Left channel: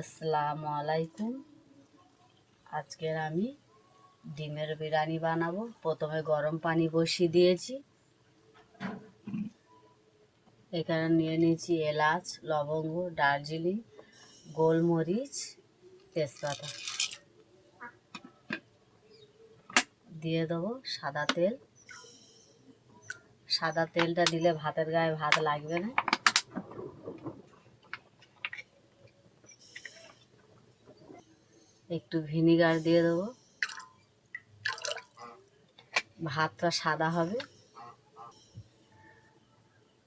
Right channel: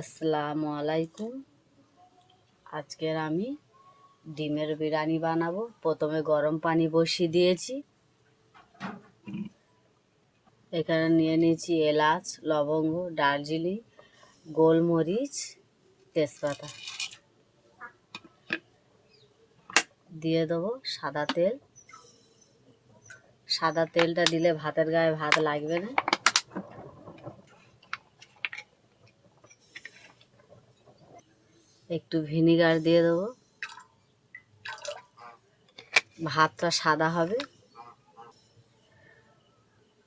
আসসালামু আলাইকুম। আজকের আমি ডিমের বিরিয়ানি বানাবো। প্রথমে গরম পানি বসিয়ে দিয়েছি। এখানে নিয়ে নিয়েছি এলাচ, লবঙ্গ, দারচিনি, গোলমরিচ, তেজপাতা। দিয়ে দেবো সাদা তেল। সাদা তেলটা দিলে ভাতের গায়ে ভাত লাগবে না। একটু ভিনিগার দিয়ে দেবো, ভাতটা সাদা হবে।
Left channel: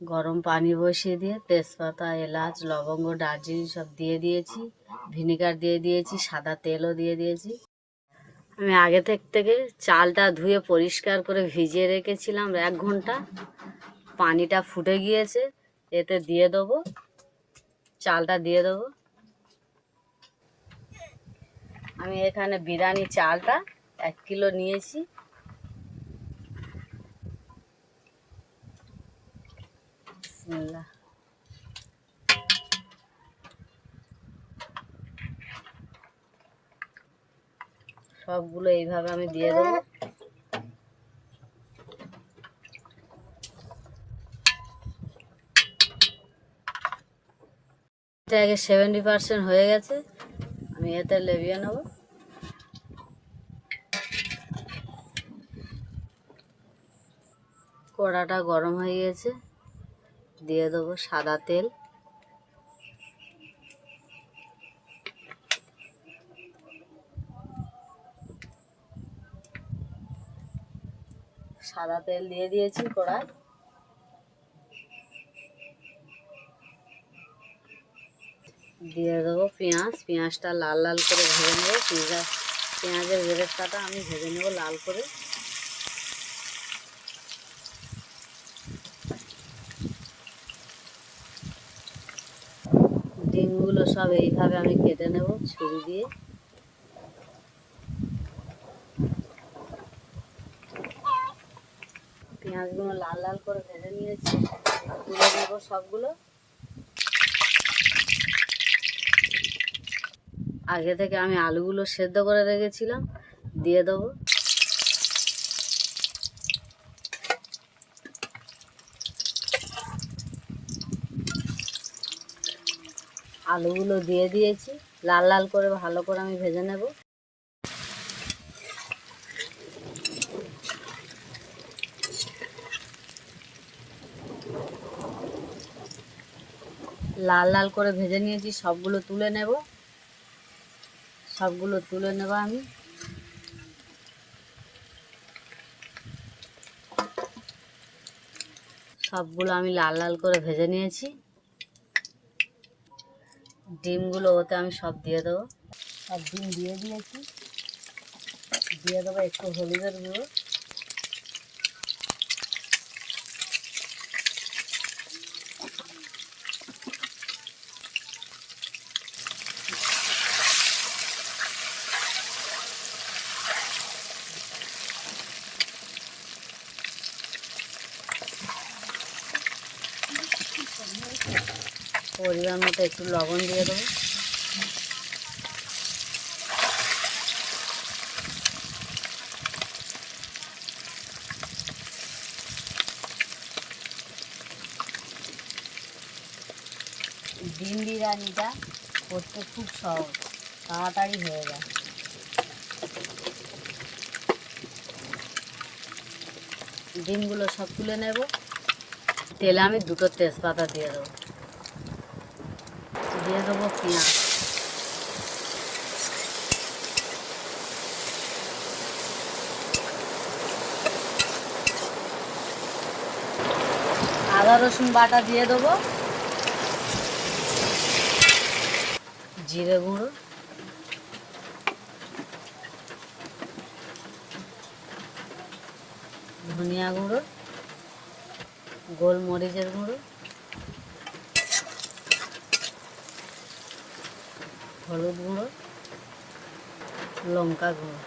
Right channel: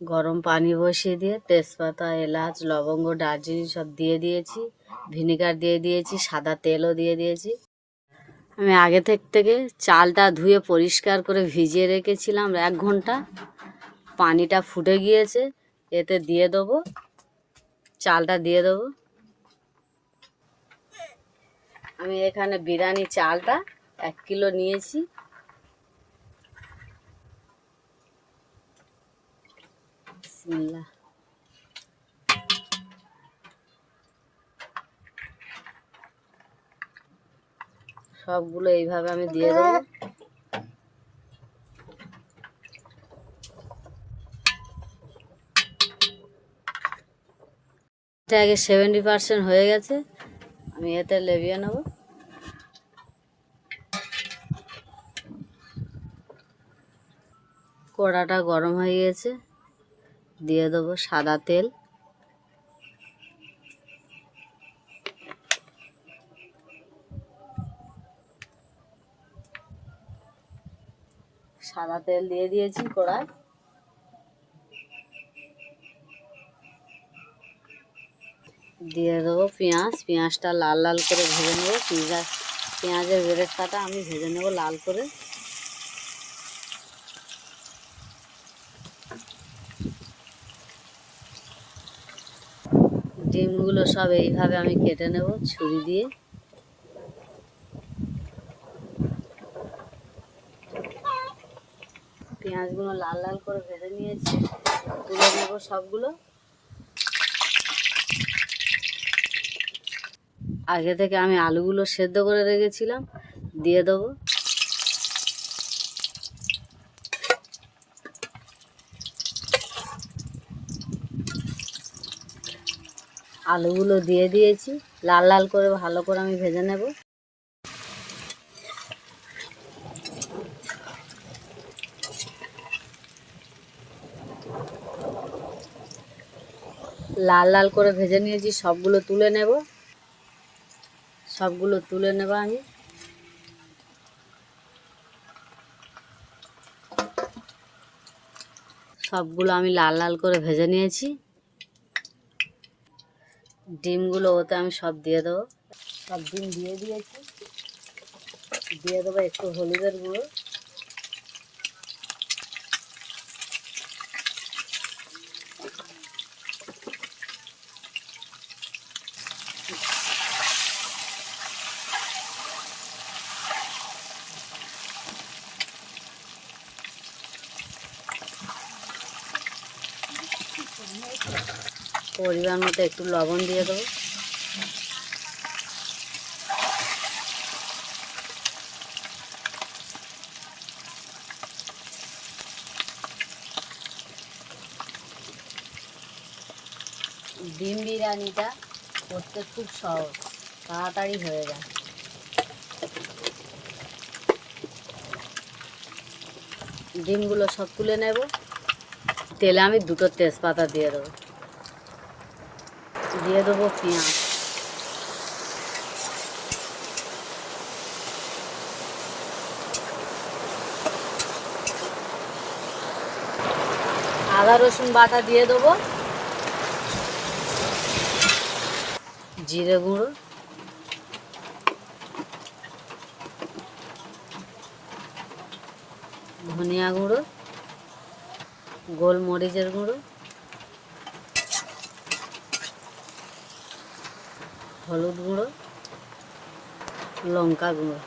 গরম পানি বসিয়ে দিয়ে তেজপাতা, এলাচ, লবঙ্গ, দারচিনি সব দিয়ে দিয়েছি। ভিনিগার দিয়ে দিয়েছি, সাদা তেলও দিয়ে দিয়েছি। আমি আগে থেকে চালটা ধুয়ে পরিষ্কার করে ভিজিয়ে রেখেছিলাম 1 ঘন্টা। পানিটা ফুটে গিয়েছে, এতে দিয়ে দেবো চালটা দিয়ে দেবো। আমি এখানে বিরিয়ানি চালটা 1 কিলো নিয়েছি। বিসমিল্লাহ। সবগুলো এইভাবে আমি দিয়ে দেবো। এটা আগে 70% হয়ে গেছে, আমি এতে লেবিয়ে নেব। কড়াটা গরম হয়ে গেছে, দিয়ে দেবো সাদা তেল। সাদা তেল দিয়ে দিয়েছি কড়ায়। দিয়ে দেবো পেঁয়াজ। পেঁয়াজটা লাল লাল করে ভেজে নেবো। পেঁয়াজের বেরেস্তাটা আমি ভেজে নেবো লাল করে। ডিমগুলো সব এইভাবে আমি কেটে নেব ছুরি দিয়ে। পেঁয়াজগুলো লাল লাল করে ভেজে নিয়েছি, তুলে নেব সবগুলো। আগে থেকে আমি আলুগুলো সেদ্ধ করে রেখেছিলাম, দিয়ে দেবো। আলুগুলো দিয়ে দিয়েছি, লাল লাল করে ভালো করে আমি ভেজে নেব। লাল লাল করে ভেজে নিয়েছি, সবগুলো তুলে নেব। সবগুলো তুলে নেব আমি। সবগুলো আমি লাল লাল করে ভেজে নিয়েছি। ডিমগুলো ওতে আমি সব দিয়ে দেবো। সব ডিম দিয়ে দিয়েছি। দিয়ে দেবো একটু হলুদের গুঁড়ো, পরিমাণ মতো একটু লবণ দিয়ে দেবো। ডিম বিরিয়ানিটা করতে খুব সহজ, তাড়াতাড়ি হয়ে যায়। ডিমগুলো সব তুলে নেব। তেলে আমি 2টো তেজপাতা দিয়ে দেবো। দিয়ে দেবো পেঁয়াজ। আদা রসুন বাটা দিয়ে দেবো। জিরে গুঁড়ো, ধনিয়া গুঁড়ো, গোলমরিচের গুঁড়ো, হলুদ গুঁড়ো, লঙ্কা গুঁড়ো।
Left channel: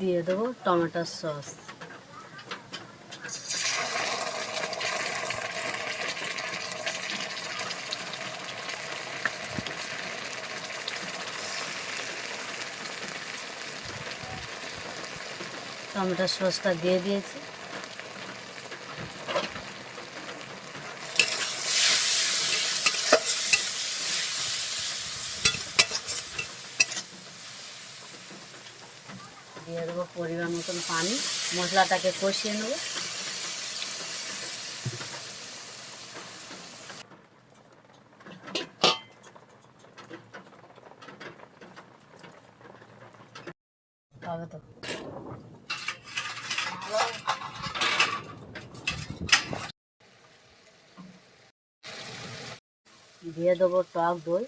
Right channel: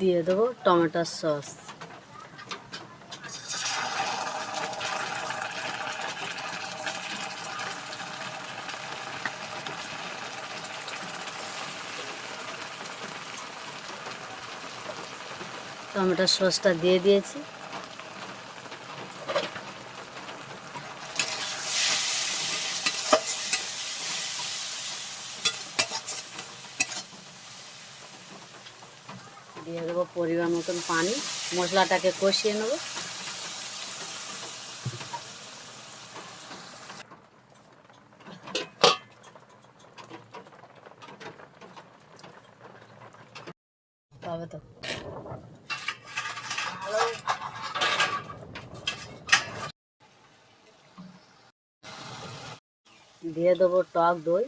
দিয়ে দেবো টমেটোর সস। টমেটোর সসটা দিয়ে দিয়েছি। দিয়ে দেবো পরিমাণ মতন পানি, মশলাটাকে কষিয়ে নেব। তবে তো দিয়ে দেবো টক দই।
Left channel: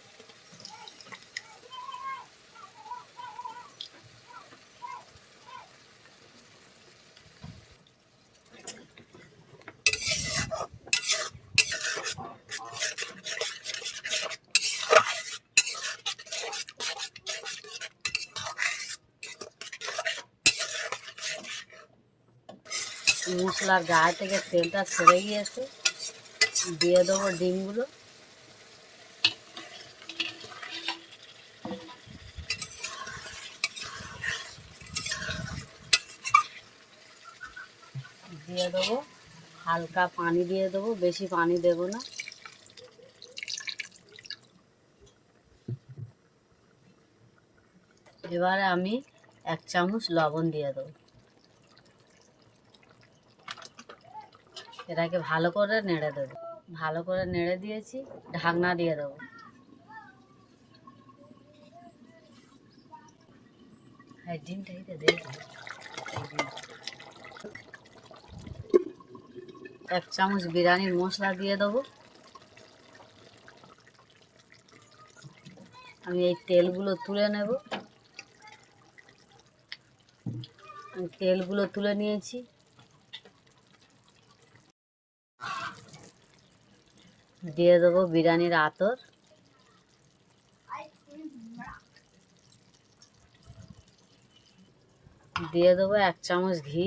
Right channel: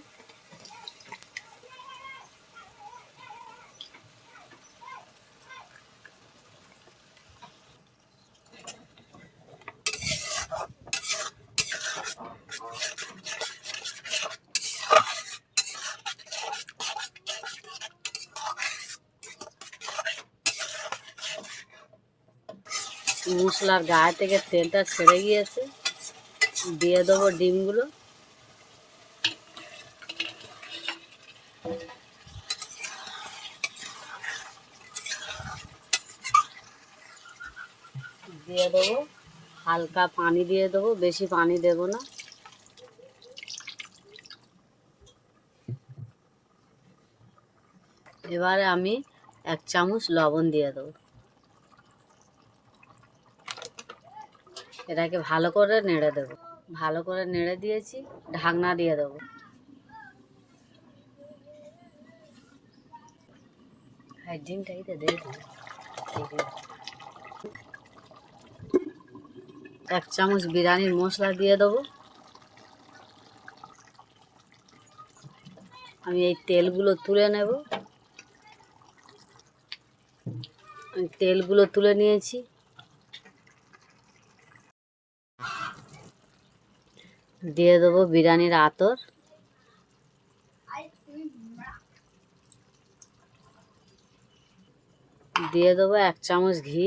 মশলার গায়ে থেকে তেলটা ছেড়ে গিয়েছে, দিয়ে দেবো ডিমগুলো। দিয়ে দেবো হালকা পানি, দিয়ে দেবো, বেশি পানি দেবো না। এবারে আমি 1 চামচ লবণ দিয়ে দেবো। এটাকে ভালো করে নেড়ে দেবো। ভালো করে নেড়ে দিয়েছি, ঢাকনা দিয়ে দেবো। ডিমটাইতে দিয়ে দেবো। 1 চামচ বিরিয়ানির মশলা দিয়ে দেবো। আমি এই তেলগুলো তুলে নেব। আমি তেলগুলো তুলে নিয়েছি। দিয়ে দেবো বিরিয়ানির আতর। দিয়ে দেবো 1 চামচ ঘি।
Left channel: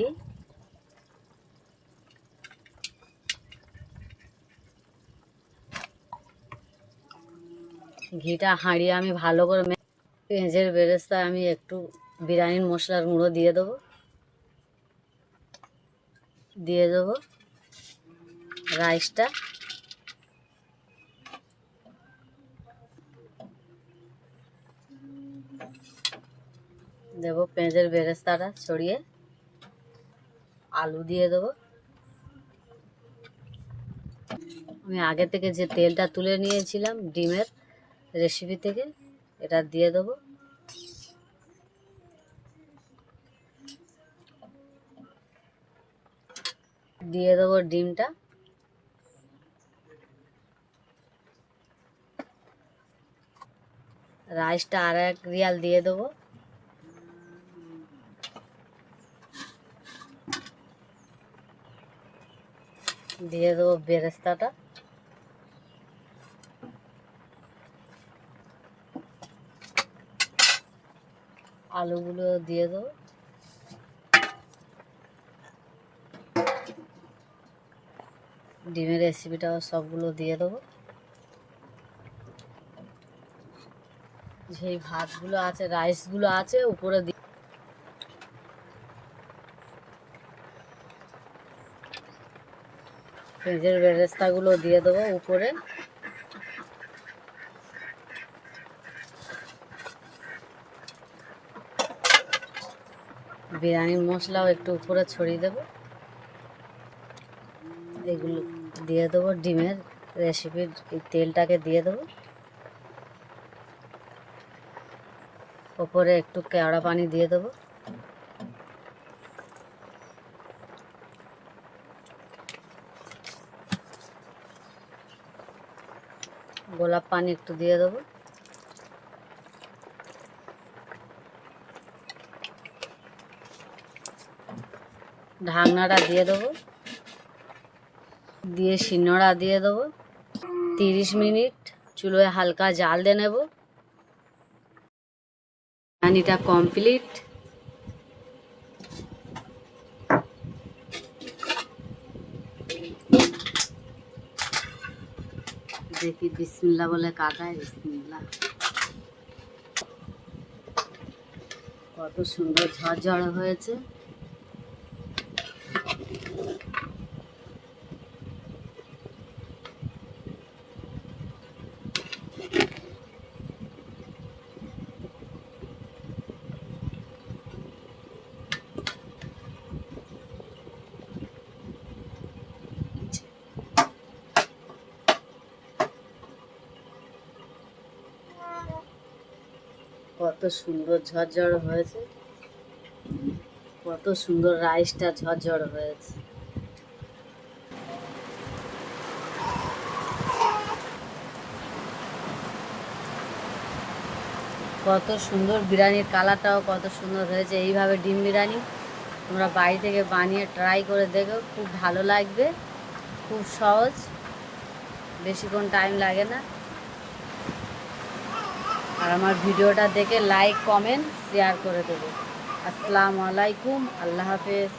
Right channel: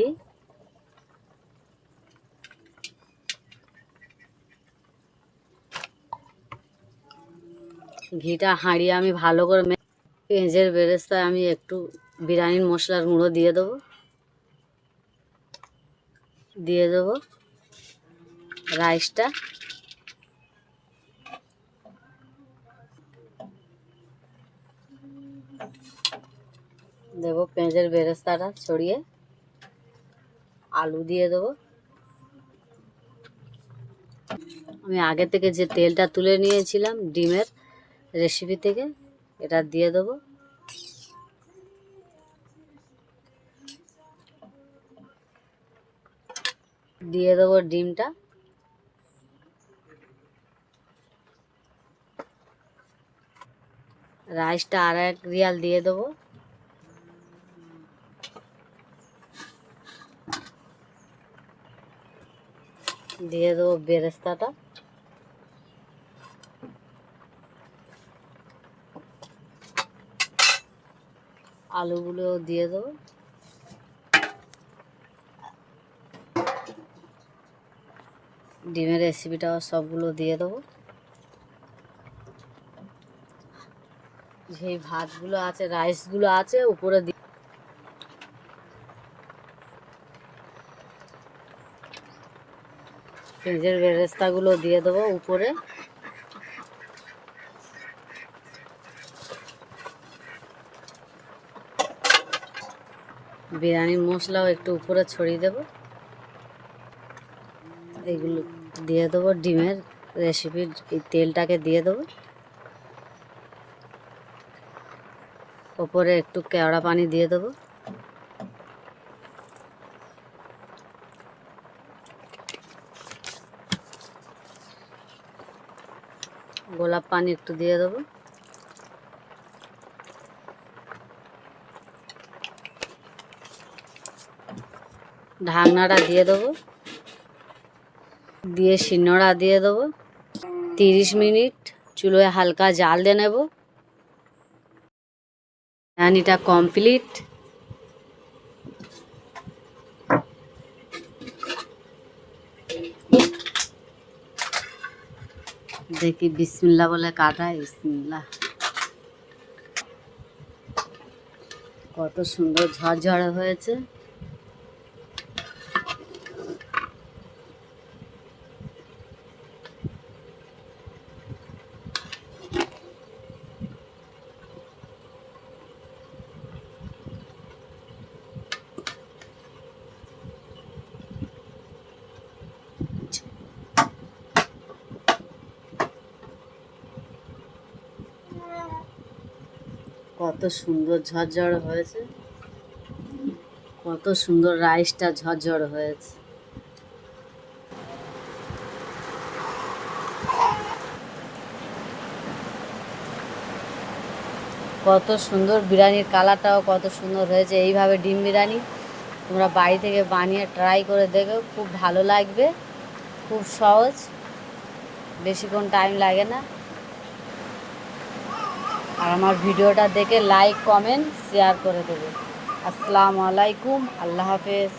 ঘিটা হাঁড়িয়ে আমি ভালো করে পেঁয়াজের বেরেস্তায় আমি একটু বিরিয়ানির মশলার গুঁড়ো দিয়ে দেবো। দিয়ে দেবো রাইসটা। দেবো পেঁয়াজের বেরেস্তাটা ছড়িয়ে। আলু দিয়ে দেবো। আমি আগে থেকে যে তেলটা তুলে নিয়েছিলাম ডিমের রেসিপি থেকে, এটা দিয়ে দেবো। দিয়ে দেবো ডিমটা। রাইসটা আর 1 রিয়াল দিয়ে দেবো। দিয়ে দেবো বেরেস্তাটা। আলুগুলো দিয়ে দেবো। ডিমের রেসিপিটাও সবগুলো দিয়ে দেবো। যেই ভাতগুলো আছে, রাইসগুলো আছে, উপরে পেঁয়াজের বেরেস্তাগুলো দিয়ে দেবো উপরে। বিরিয়ানির মশলাও একটু উপরে ছড়িয়ে দেবো। এগুলো দিয়ে দেবো। ডিমের রেসিপির এই তেলটাকে দিয়ে দেবো। ওপরে একটু কেওড়া পানি দিয়ে দেবো। গোলাপ পানি একটু দিয়ে দেবো। ঢাকনাটা দিয়ে দেবো। দিয়ে শিলনোড়া দিয়ে দেবো। 30 মিনিট চুলোয় হালকা জাল দিয়ে নেব। বিরিয়ানিটা কমপ্লিট। দেখি বিসমিল্লাহ বলে কাটাই। বিসমিল্লাহ। কত সুন্দর ঝরঝরে হয়েছে। কত সুন্দর ঝরঝরে হয়েছে, কত সুন্দর রাইসটা ঝরঝরে হয়েছে। কত সুন্দর বিরিয়ানির কালারটাও কত সুন্দর হয়েছে। এইভাবে ডিম বিরিয়ানি তোমরা বাড়ি থেকে বানিয়ে ট্রাই করে দেখো, খুব ভালো লাগবে, খুব সহজ, বেশিক্ষণ টাইম লাগে না। আর আমার ভিডিওটা দেখে লাইক কমেন্ট শেয়ার করে দেবে। আসসালামু আলাইকুম, আল্লাহ হাফেজ।